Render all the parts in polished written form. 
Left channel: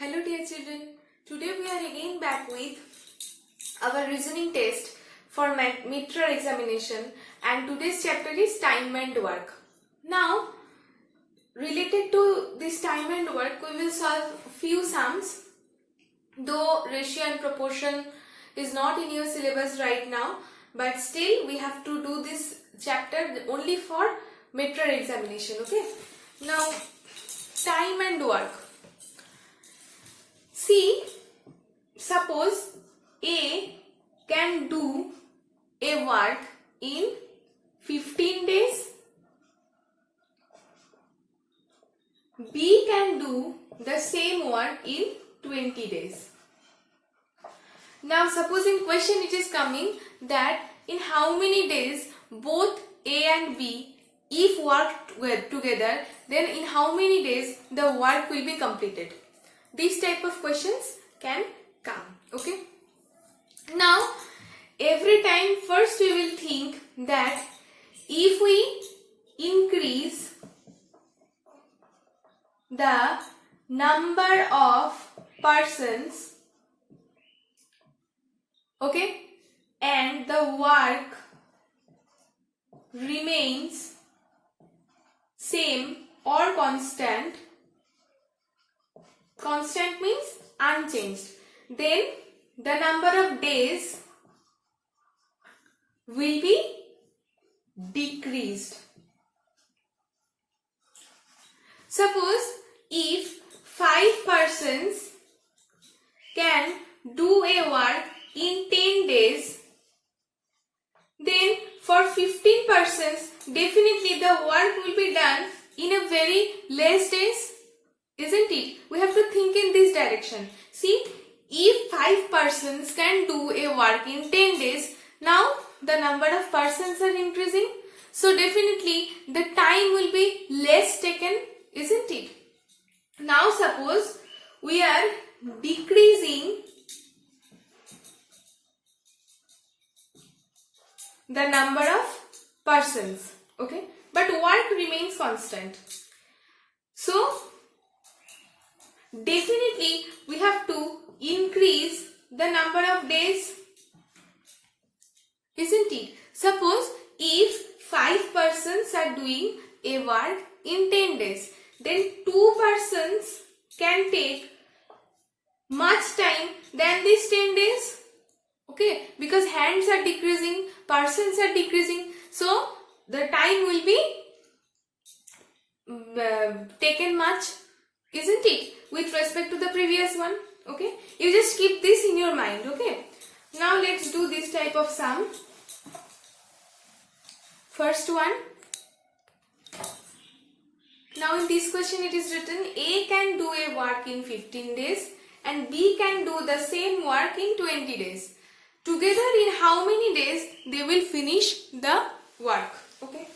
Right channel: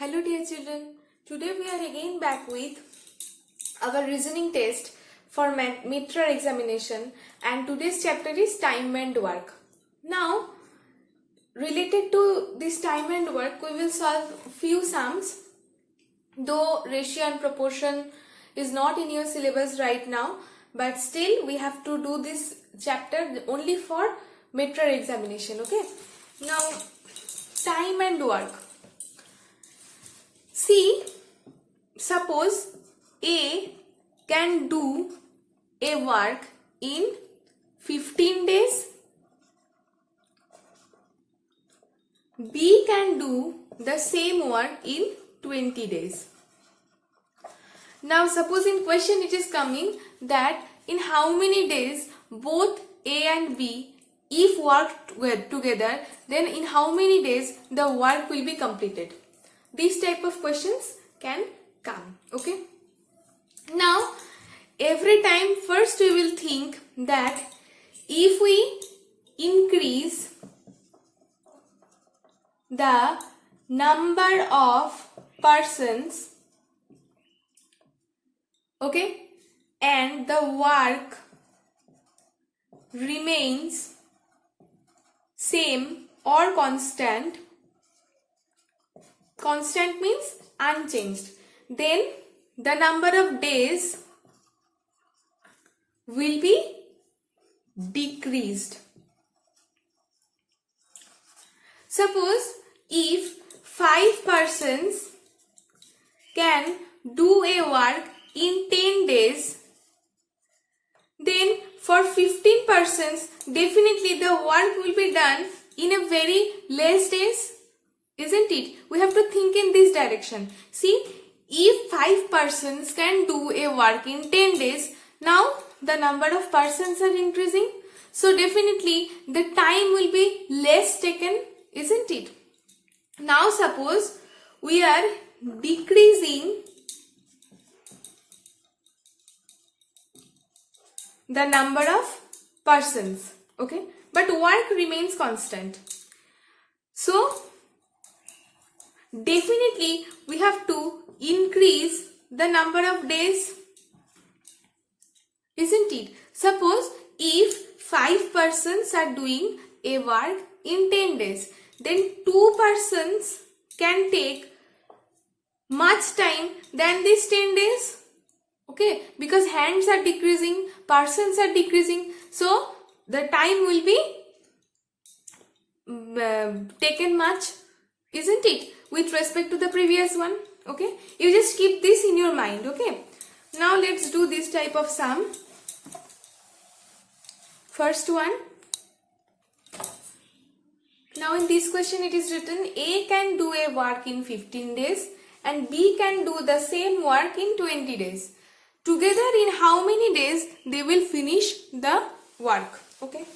Hello dear children, today we are again back with our reasoning test for midterm examination, and today's chapter is time and work. Now, related to this time and work, we will solve few sums, though ratio and proportion is not in your syllabus right now, but still we have to do this chapter only for midterm examination. Okay. Now, time and work. See, suppose A can do a work in 15 days, B can do the same work in 20 days. Now suppose in question it is coming that in how many days both A and B if worked together, then in how many days the work will be completed. These type of questions can come. Okay. Now, every time first we will think that if we increase the number of persons, okay, and the work remains same or constant, constant means unchanged, then the number of days will be decreased. Suppose if 5 persons can do a work in 10 days, then for 15 persons definitely the work will be done in a very less days. Isn't it? We have to think in this direction. See, if 5 persons can do a work in 10 days, now the number of persons are increasing. So definitely the time will be less taken, isn't it? Now suppose we are decreasing the number of persons, okay? But work remains constant. So definitely we have to increase the number of days, isn't it? Suppose if 5 persons are doing a work in 10 days, then 2 persons can take much time than these 10 days, okay, because hands are decreasing, persons are decreasing, so the time will be taken much, isn't it, with respect to the previous one. Okay, you just keep this in your mind. Okay, now let's do this type of sum. First one. Now in this question it is written A can do a work in 15 days and B can do the same work in 20 days. Together in how many days they will finish the work. Okay,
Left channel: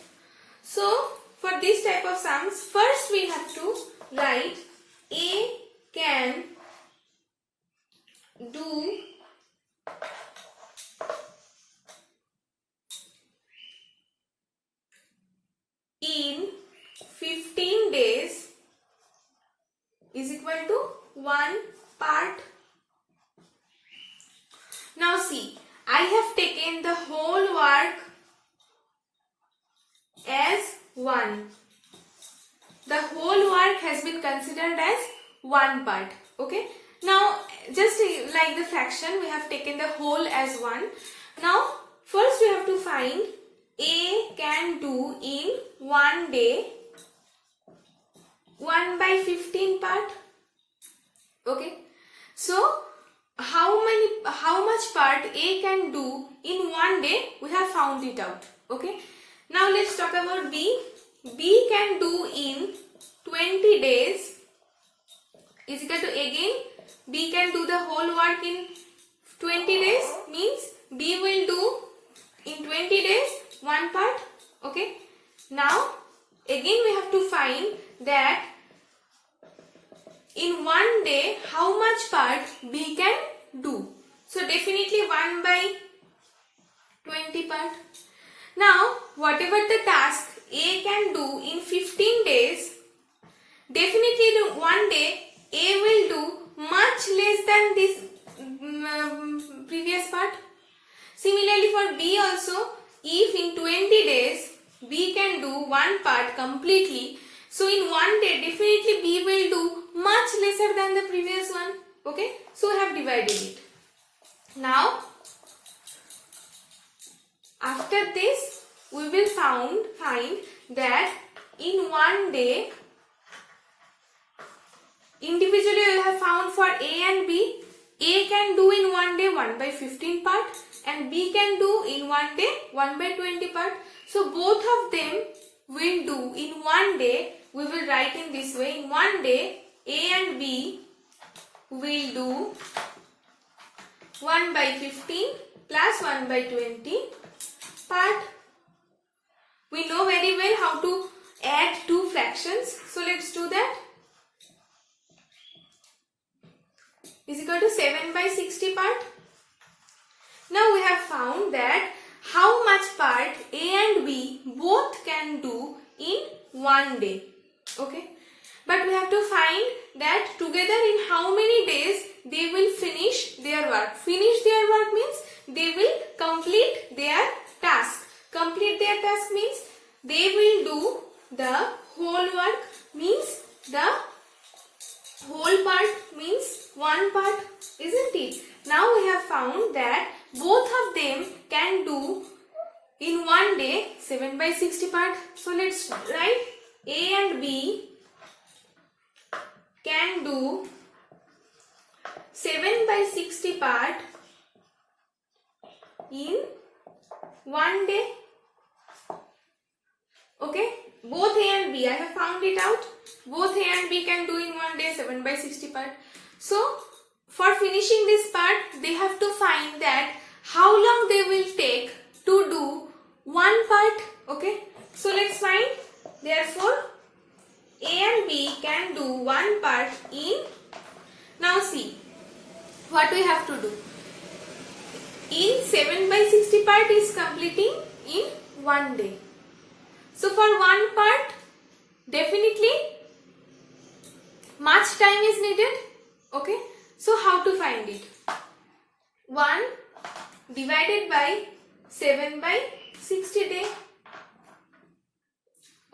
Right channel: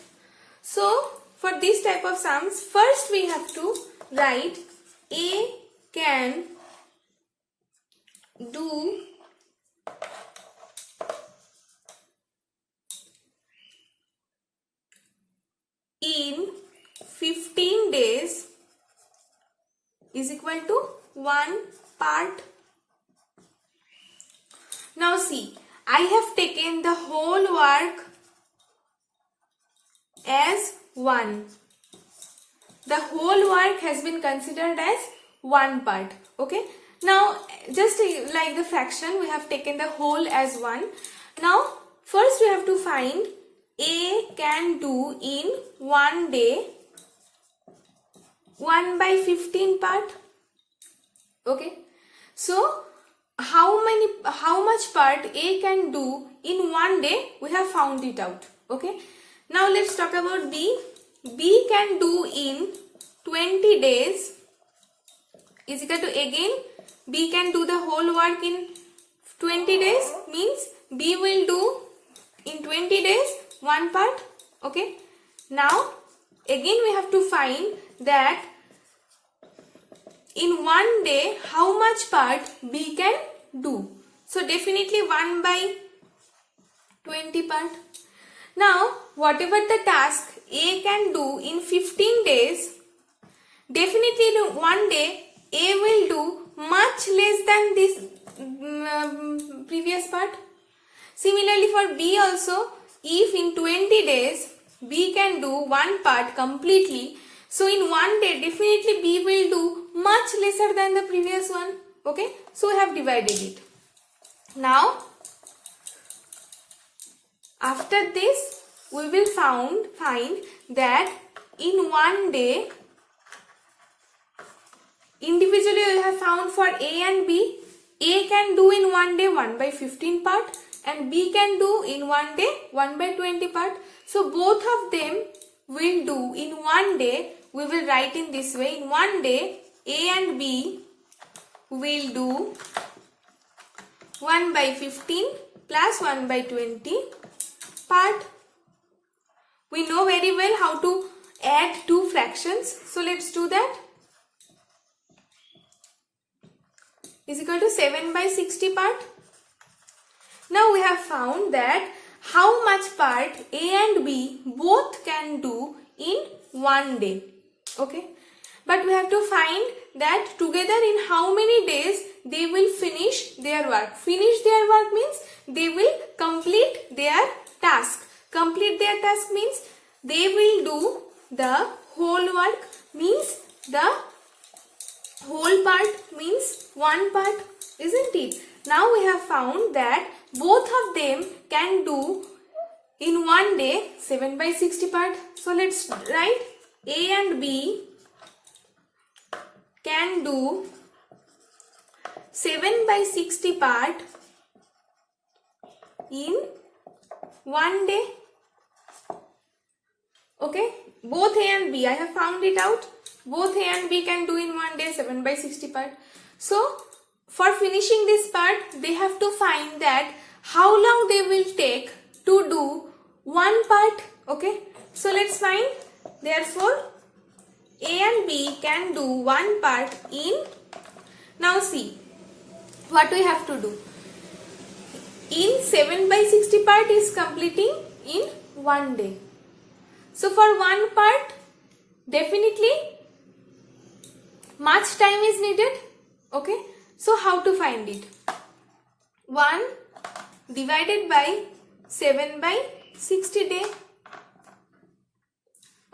so for this type of sums, first we have to write A can do in 15 days is equal to 1 part. Now see, I have taken the whole work as 1. The whole work has been considered as 1 part. Okay. Now just like the fraction, we have taken the whole as 1. Now first we have to find A can do in 1 day 1 by 15 part. Okay. So how much part A can do in 1 day, we have found it out. Okay. Now let's talk about B. B can do in 20 days is equal to, again B can do the whole work in 20 days, means B will do in 20 days 1 part. Okay. Now again we have to find that in 1 day how much part B can do. So definitely 1 by 20 part. Now whatever the task A can do in 15 days, definitely in 1 day A will do much less than this previous part. Similarly for B also, if in 20 days B can do one part completely, so in one day definitely B will do much lesser than the previous one. Okay, so we have divided it. Now after this we will find that in one day individually we will have found for A and B. A can do in one day 1/15 part and B can do in one day 1/20 part. So both of them will do in one day. We will write in this way. In one day A and B will do 1/15 plus 1/20 part. We know very well how to add two fractions. So let's do that. Is equal to 7/60 part. Now we have found that how much part A and B both can do in one day. Okay. But we have to find that together in how many days they will finish their work. Finish their work means they will complete their task. Complete their task means they will do the whole work, means the whole part means one part, isn't it? Now we have found that both of them can do in one day 7/60 part. So let's write A and B can do 7/60 part in one day. Okay, both A and B, I have found it out. Both A and B can do in one day 7/60 part. So for finishing this part, they have to find that how long they will take to do one part. Okay, so let's find. Therefore, A and B can do one part in. Now see what we have to do. In 7/60 part is completing in one day. So for one part, definitely much time is needed. Okay, so how to find it? 1 divided by 7/60 day.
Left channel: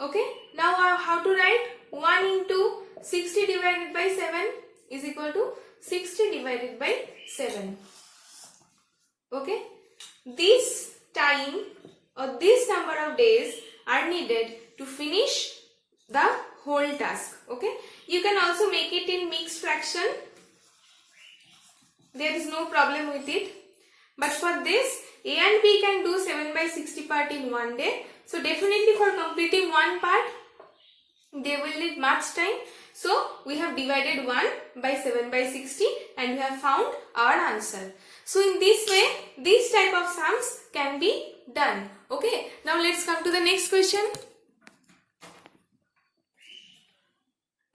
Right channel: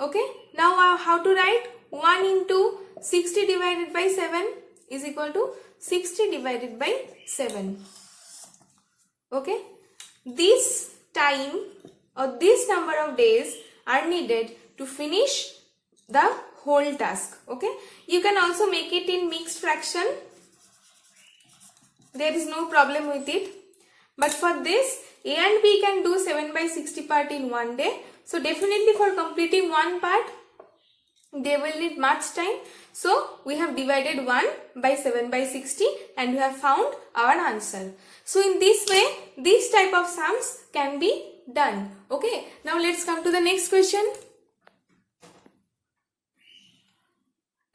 Okay, now how to write? 1 into 60 divided by 7 is equal to 60 divided by 7. Okay, this time or this number of days are needed to finish the whole task. Okay, you can also make it in mixed fraction. There is no problem with it. But for this, A and B can do 7/60 part in one day. So definitely for completing one part, they will need much time. So we have divided 1 by 7/60 and we have found our answer. So in this way, this type of sums can be done. Okay, now let's come to the next question.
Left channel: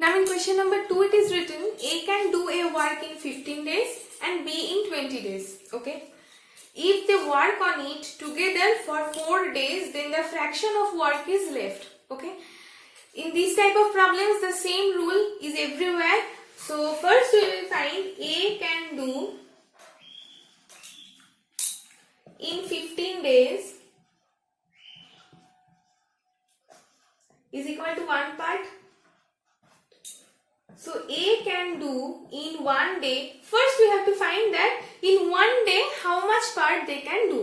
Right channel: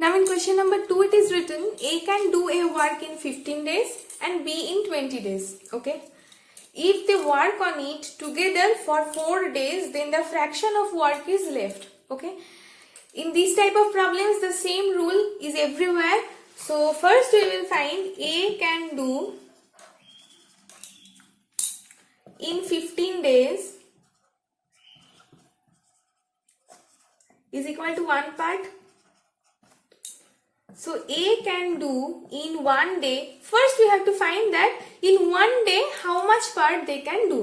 Now in question number 2 it is written A can do a work in 15 days and B in 20 days. Okay, if they work on it together for 4 days, then the fraction of work is left. Okay, in this type of problems the same rule is everywhere. So first we will find A can do in 15 days is equal to one part. So A can do in one day. First we have to find that in one day how much part they can do.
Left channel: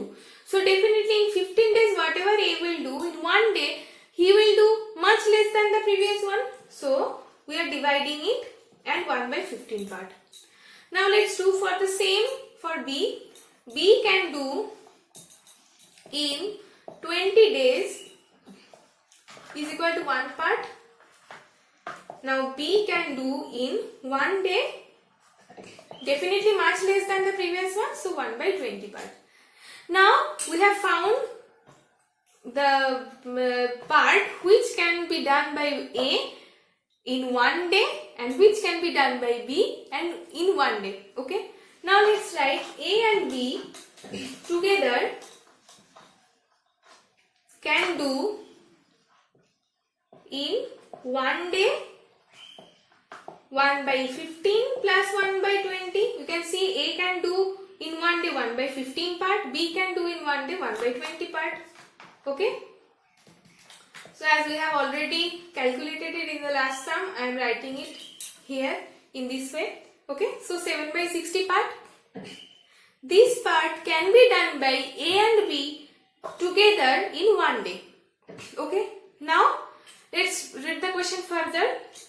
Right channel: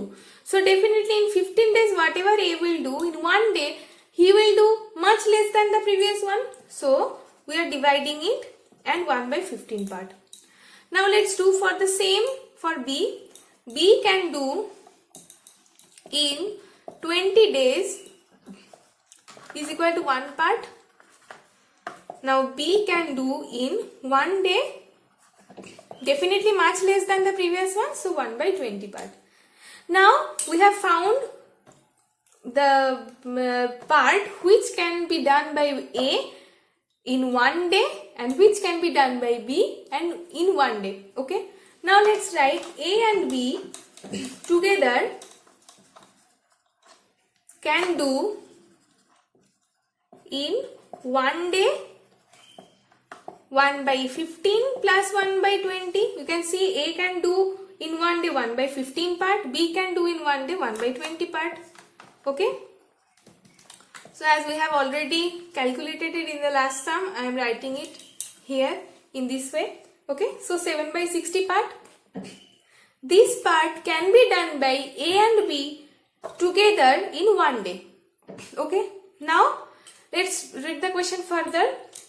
So definitely in 15 days whatever A will do in one day, he will do much less than the previous one. So we are dividing it and 1/15 part. Now let's do for the same for B. B can do in 20 days is equal to one part. Now B can do in one day, definitely much less than the previous one, so 1/20 part. Now we have found the part which can be done by A in one day and which can be done by B and in one day. Okay, now let's write A and B together can do in one day 1 by 15 plus 1 by 20. You can see A can do in one day 1 by 15 part, B can do in one day 1 by 20 part. Okay. So as we have already calculated it in the last sum, I am writing it here in this way. Okay. So 7 by 60 part. This part can be done by A and B together in one day. Okay. Now let's read the question further.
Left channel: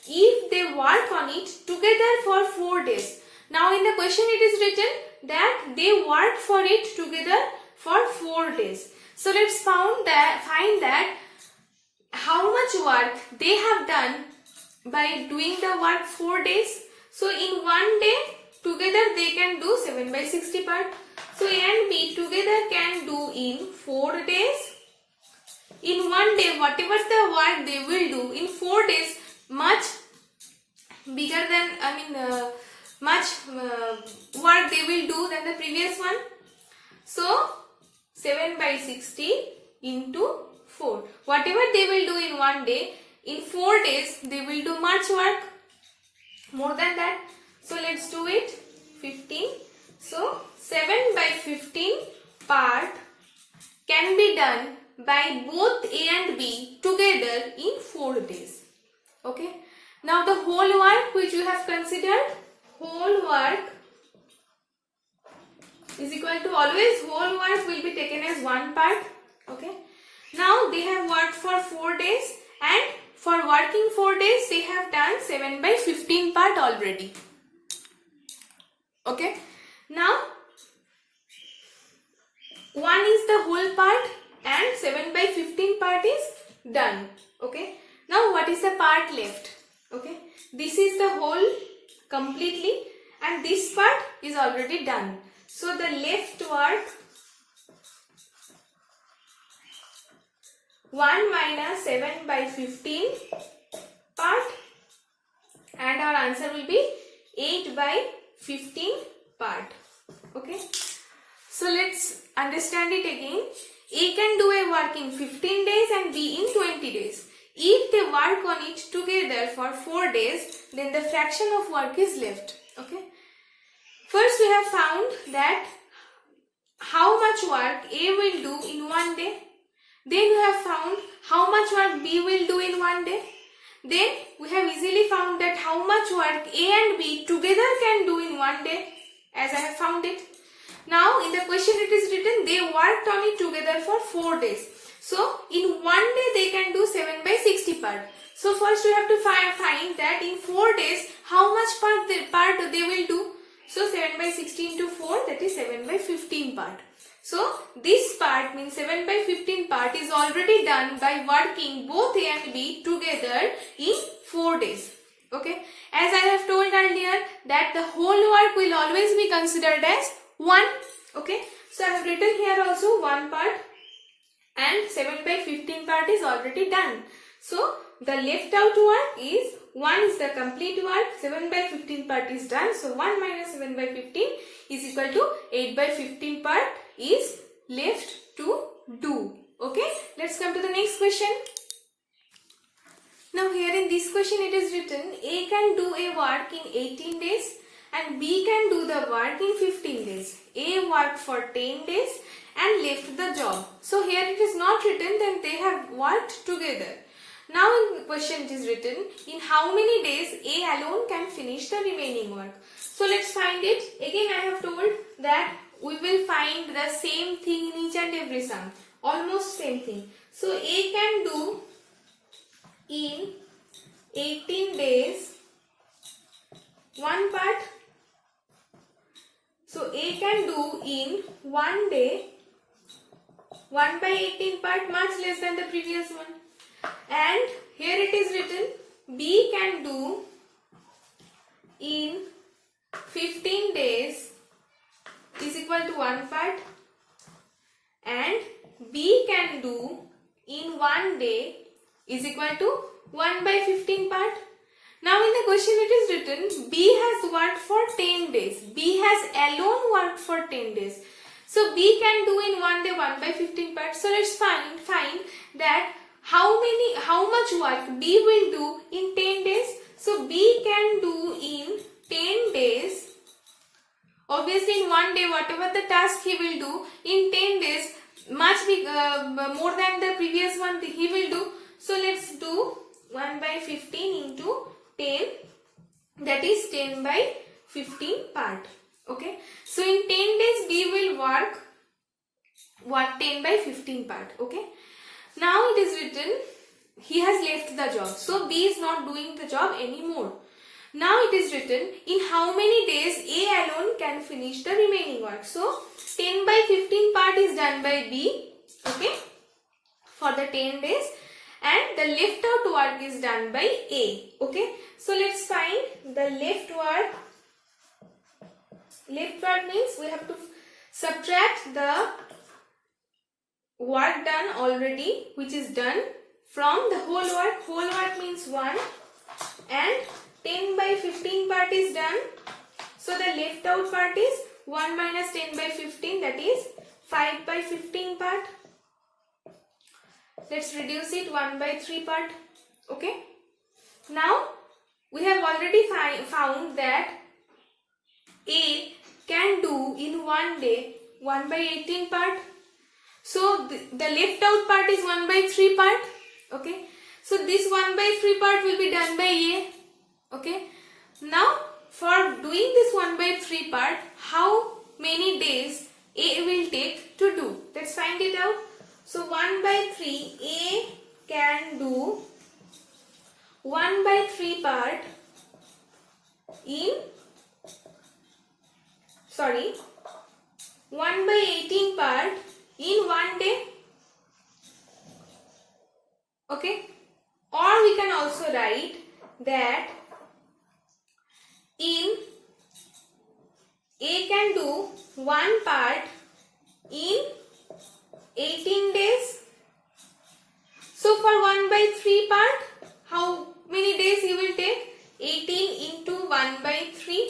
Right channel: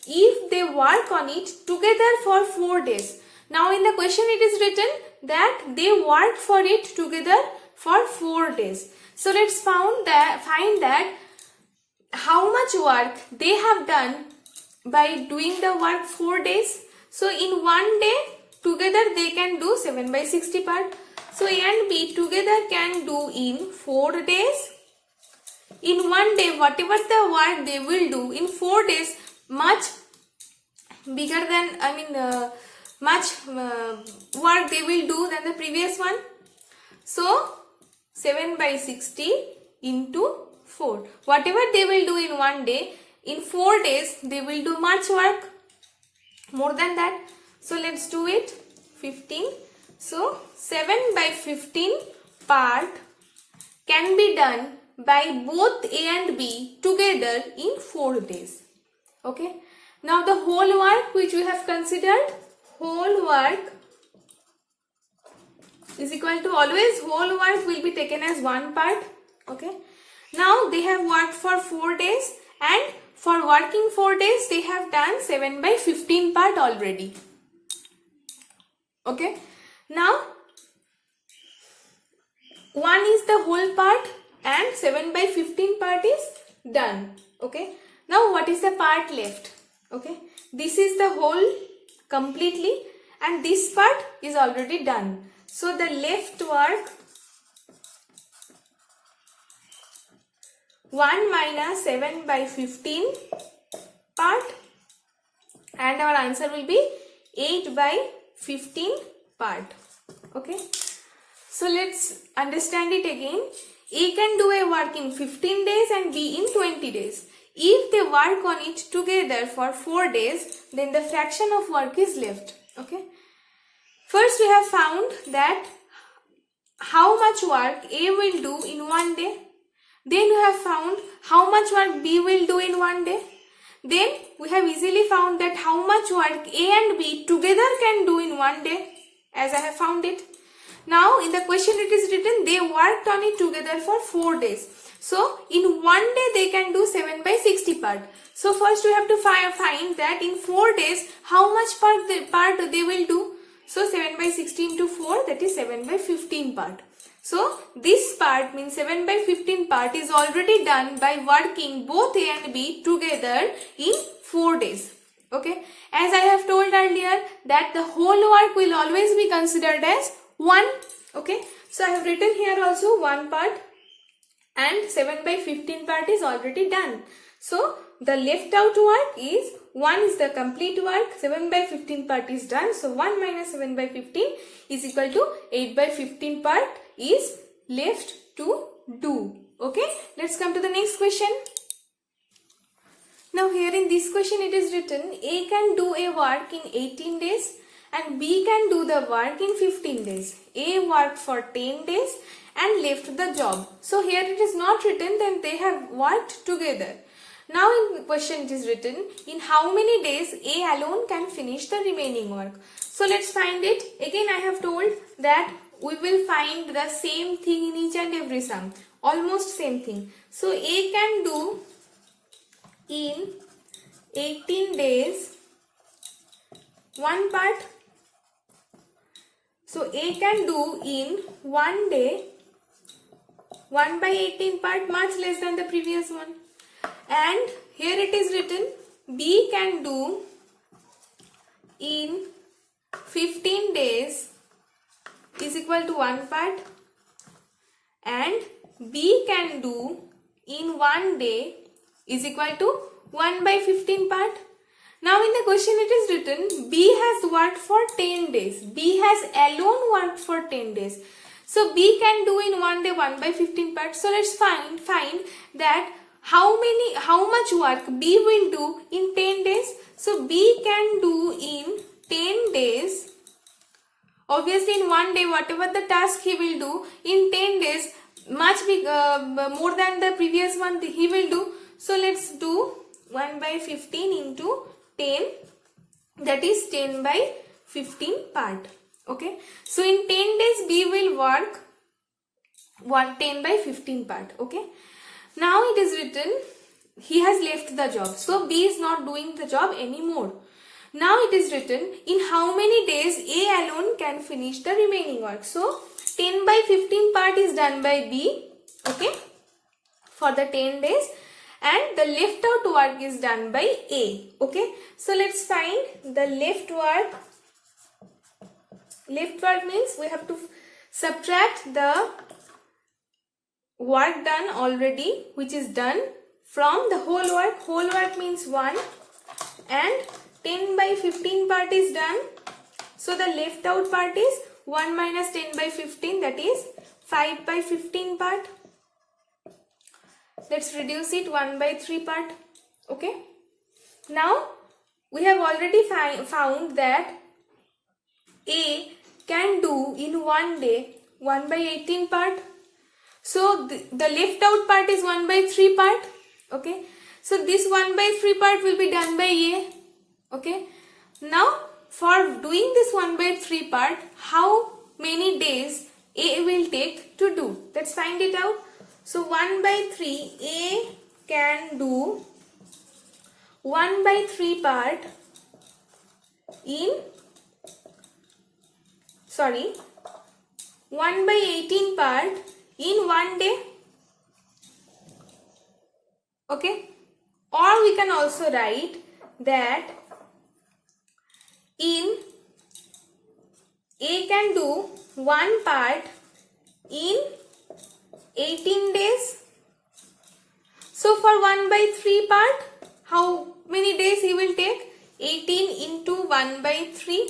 If they work on it together for 4 days. Now in the question it is written that they worked for it together for 4 days. So let's find that how much work they have done by doing the work 4 days. So in one day together they can do 7 by 60 part. So A and B together can do in 4 days. In one day, whatever the work they will do in 4 days, much bigger than, much work they will do than the previous one. So 7 by 60 into 4. Whatever they will do in one day, in 4 days they will do much work more than that. So let's do it. 15. So 7 by 15 part can be done by both A and B together in 4 days. Okay. Now the whole work which we have considered, whole work is equal to, always whole work will be taken as one part. Okay. Now they have worked for 4 days, and for working 4 days they have done 7 by 15 part already. Okay. Now 1 is the whole part and 7 by 15 part is done. Okay. Now what is the part left? Okay. This is the whole completely, and this part is already done. So the left work, 1 minus 7 by 15 part, and our answer will be 8 by 15 part. Okay. So let's understand it again. A can do a work in 15 days and B in 20 days. If they work on it together for 4 days, then the fraction of work is left. Okay. First we have found that how much work A will do in one day. Then we have found how much work B will do in one day. Then we have easily found that how much work A and B together can do in one day, as I have found it. Now in the question it is written they worked on it together for 4 days. So in one day they can do 7 by 60 part. So first we have to find that in 4 days how much part they will do. So 7 by 60 into 4, that is 7 by 15 part. So this part means 7 by 15 part is already done by working both A and B together in 4 days. Okay. As I have told earlier that the whole work will always be considered as 1. Okay. So I have written here also 1 part, and 7 by 15 part is already done. So the left out work is 1 is the complete work, 7 by 15 part is done. So 1 minus 7 by 15 is equal to 8 by 15 part is left to do. Okay. Let's come to the next question. Now here in this question it is written A can do a work in 18 days and B can do the work in 15 days. A worked for 10 days and left the job. So here it is not written that they have worked together. Now in the question it is written in how many days A alone can finish the remaining work. So let's find it. Again I have told that we will find the same thing in each and every sum. Almost same thing. So A can do in 18 days one part. So A can do in one day 1 by 18 part, much less than the previous one. And here it is written B can do in 15 days is equal to 1 part, and B can do in 1 day is equal to 1 by 15 part. Now in the question it is written B has worked for 10 days. B has alone worked for 10 days. So B can do in 1 day 1 by 15 part. So let's find that how much work B will do in 10 days. So B can do in 10 days. Obviously in one day whatever the task he will do in 10 days much big, more than the previous one he will do. So let's do 1 by 15 into 10, that is 10 by 15 part. Okay, so in 10 days B will work 10 by 15 part. Okay, now it is written he has left the job, so B is not doing the job anymore. Now it is written in how many days A alone can finish the remaining work. So 10 by 15 part is done by B, okay, for the 10 days, and the left out work is done by A. Okay, so let's find the left work. Left work means we have to subtract the work done already, which is done, from the whole work. Whole work means 1, and 10 by 15 part is done. So the left out part is 1 minus 10 by 15, that is 5 by 15 part. Let's reduce it 1 by 3 part. Okay. Now we have already found that A can do in one day 1 by 18 part. So the left out part is 1 by 3 part. Okay. So this 1 by 3 part will be done by A. Okay. Now for doing this 1 by 3 part, how many days A will take to do? Let's find it out. So 1 by 3, A can do 1 by 3 part in 1 by 18 part in one day. Okay. Or we can also write that in A can do one part in 18 days. So for 1 by 3 part, how many days he will take? 18 into 1 by 3.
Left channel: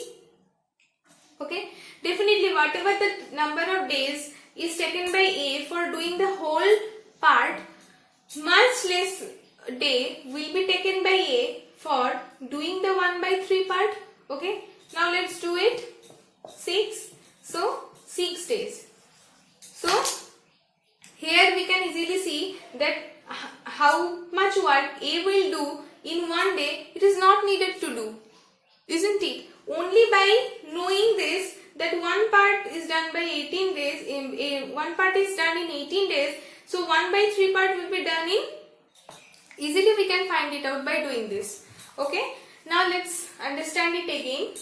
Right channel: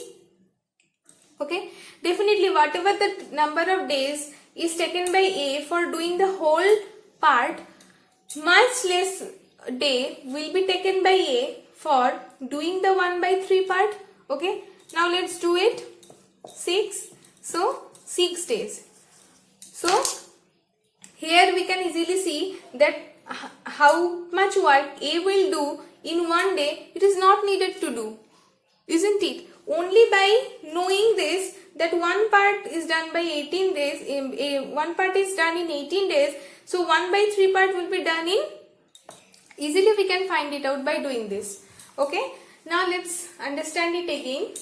Okay. Definitely whatever the number of days is taken by A for doing the whole part, much less day will be taken by A for doing the 1 by 3 part. Okay. Now let's do it. 6. So 6 days. So here we can easily see that how much work A will do in one day, it is not needed to do, isn't it? Only by knowing this, that one part is done by 18 days, one part is done in 18 days, so 1 by 3 part will be done in, easily we can find it out by doing this. Okay, now let's understand it again.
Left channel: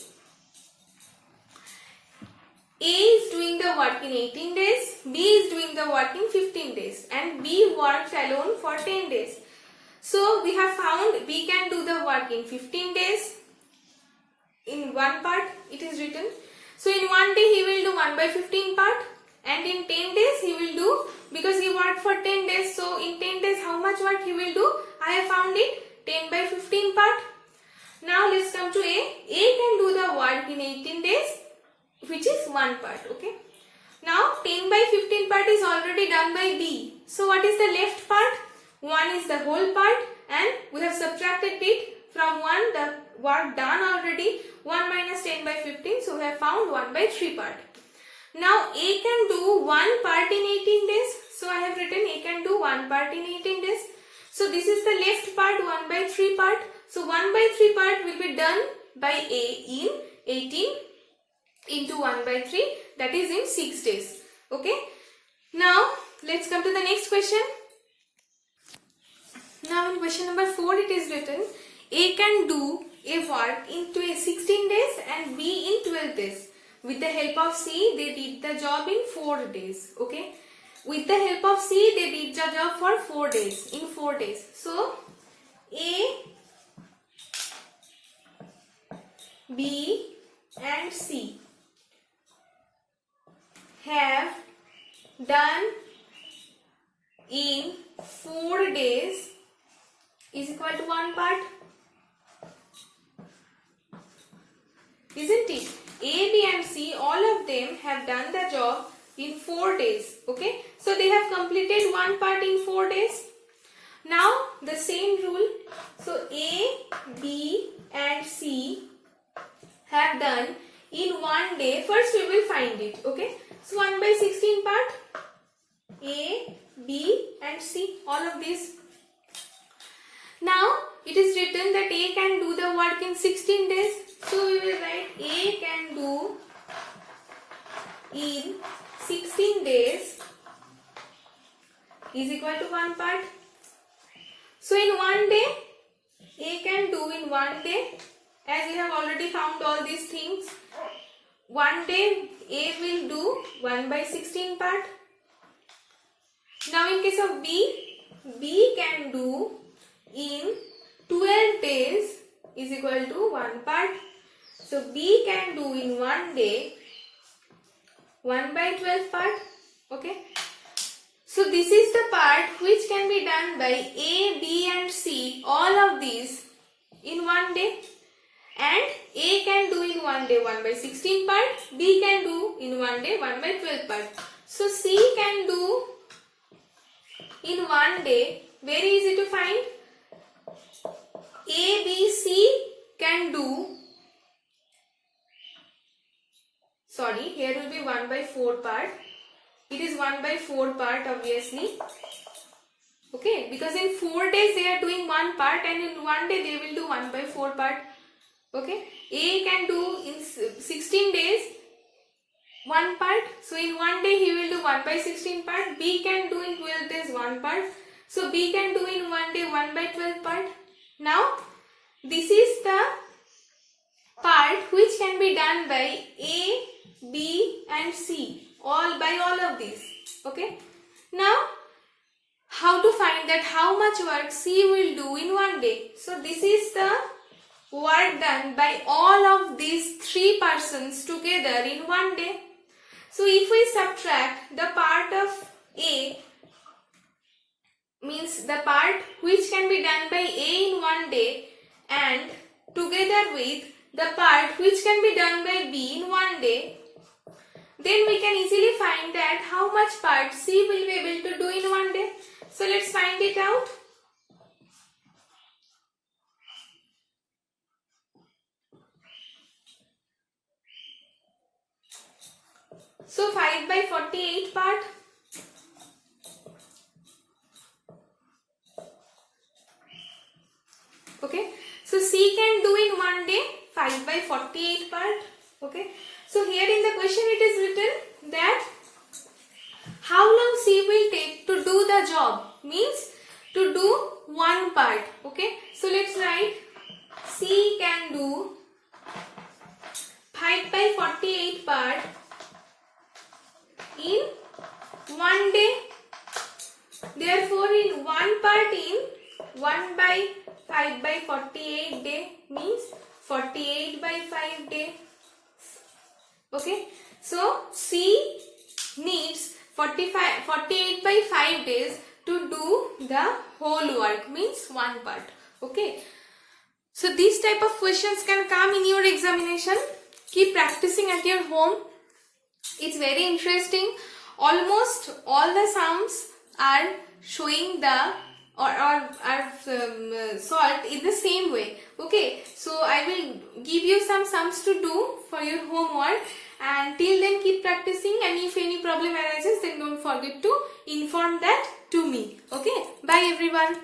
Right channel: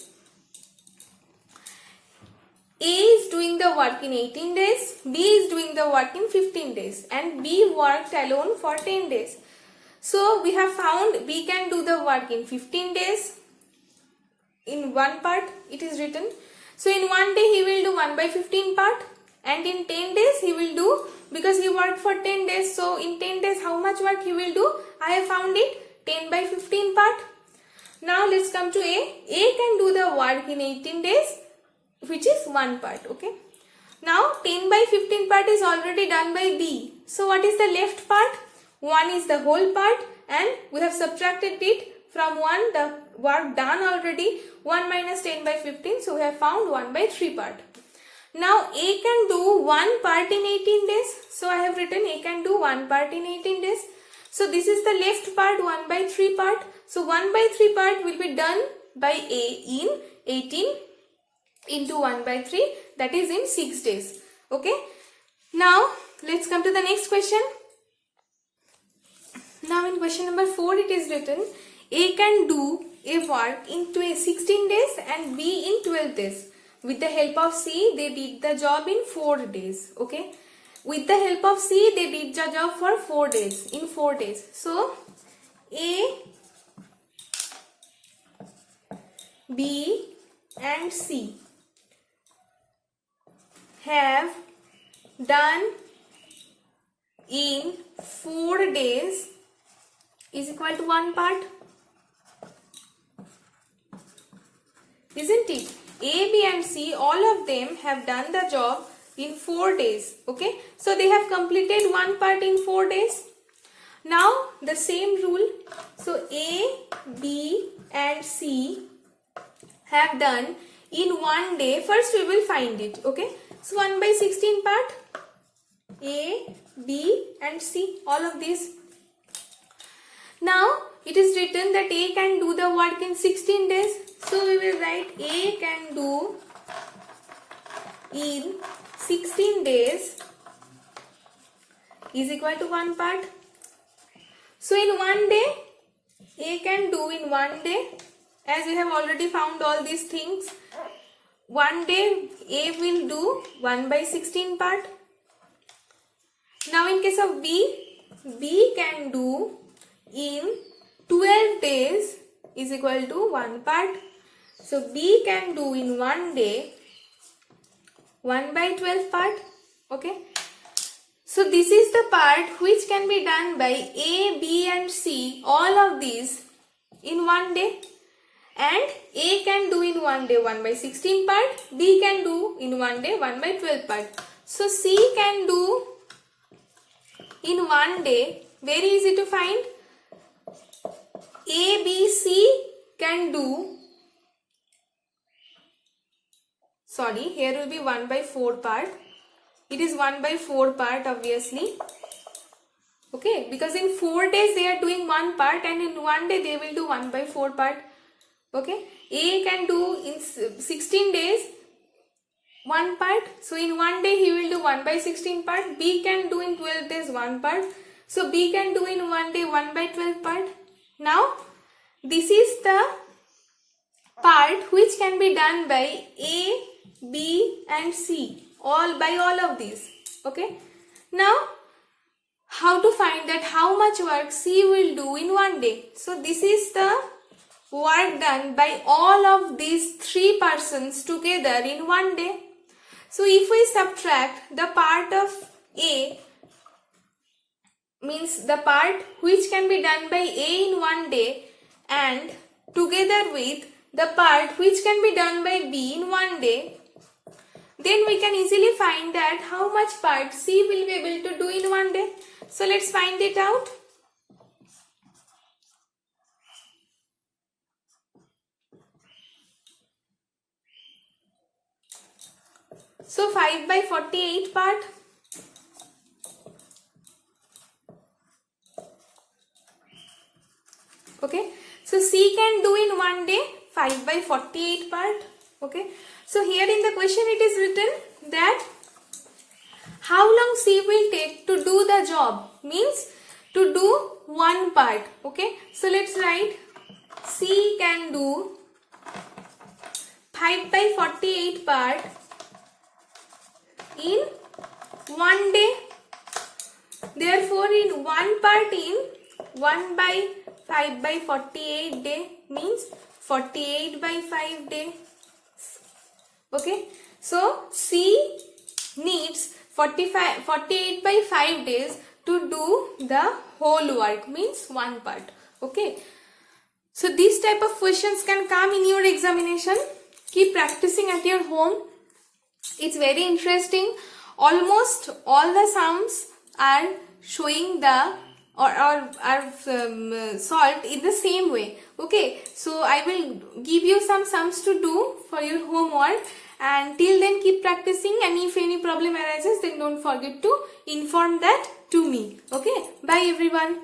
A is doing the work in 18 days, B is doing the work in 15 days, and B worked alone for 10 days. So we have found B can do the work in 15 days. In one part it is written. So in one day he will do 1 by 15 part, and in 10 days he will do, because he worked for 10 days, so in 10 days how much work he will do? I have found it, 10 by 15 part. Now let's come to A. A can do the work in 18 days, which is one part. Okay. Now 10 by 15 part is already done by B. So what is the left part? 1 is the whole part, and we have subtracted it from 1, the work done already, 1 minus 10 by 15, so we have found 1 by 3 part. Now A can do one part in 18 days, so I have written A can do one part in 18 days. So this is the left part, 1 by 3 part. So 1 by 3 part will be done by A in 18 into 1 by 3, that is in 6 days. Okay. Now let's come to the next question. Now in question number 4 it is written A can do a work in 16 days and B in 12 days. With the help of C, they did the job in 4 days. Okay. With the help of C, they did the job for 4 days, in 4 days. So A, B and C have done in 4 days is equal to one part, isn't it? A, B and C, all of them have done the job in 4 days. Okay, so they have completed one part in 4 days. Now the same rule. So So A, B and C have done in one day. First we will find it. Okay. So 1 by 16 part. A, B and C. All of these. Now it is written that A can do the work in 16 days. So we will write A can do in 16 days is equal to 1 part. So in one day, A can do in one day, as we have already found all these things. One day A will do 1 by 16 part. Now in case of B, B can do in 12 days is equal to 1 part. So B can do in one day 1 by 12 part. Okay. So this is the part which can be done by A, B and C, all of these in one day. And A can do in one day 1 by 16 part, B can do in one day 1 by 12 part. So C can do in one day, very easy to find. A, B, C can do, sorry, here will be 1 by 4 part. It is 1 by 4 part obviously. Okay, because in 4 days they are doing 1 part and in one day they will do 1 by 4 part. Okay, A can do in 16 days 1 part. So in one day he will do 1 by 16 part. B can do in 12 days 1 part. So B can do in one day 1 by 12 part. Now this is the part which can be done by A, B and C. All of these. Okay. Now how to find that how much work C will do in one day? So this is the work done by all of these 3 persons together in one day. So if we subtract the part of A, means the part which can be done by A in one day, and together with the part which can be done by B in one day, then we can easily find that how much part C will be able to do in one day. So let's find it out. So 5 by 48 part. Okay. So C can do in one day 5 by 48 part. Okay. So here in the question it is written that how long C will take to do the job, means to do 1 part. Okay. So let's write C can do 5 by 48 part in one day. Therefore in 1 part in 1 by 5 by 48 day means 48 by 5 day. Okay. So C needs 48 by 5 days to do the whole work, means 1 part. Okay. So these type of questions can come in your examination. Keep practicing at your home. It's very interesting. Almost all the sums are showing the are solved in the same way. Okay, so I will give you some sums to do for your homework, and till then keep practicing, and if any problem arises then don't forget to inform that to me. Okay, bye everyone.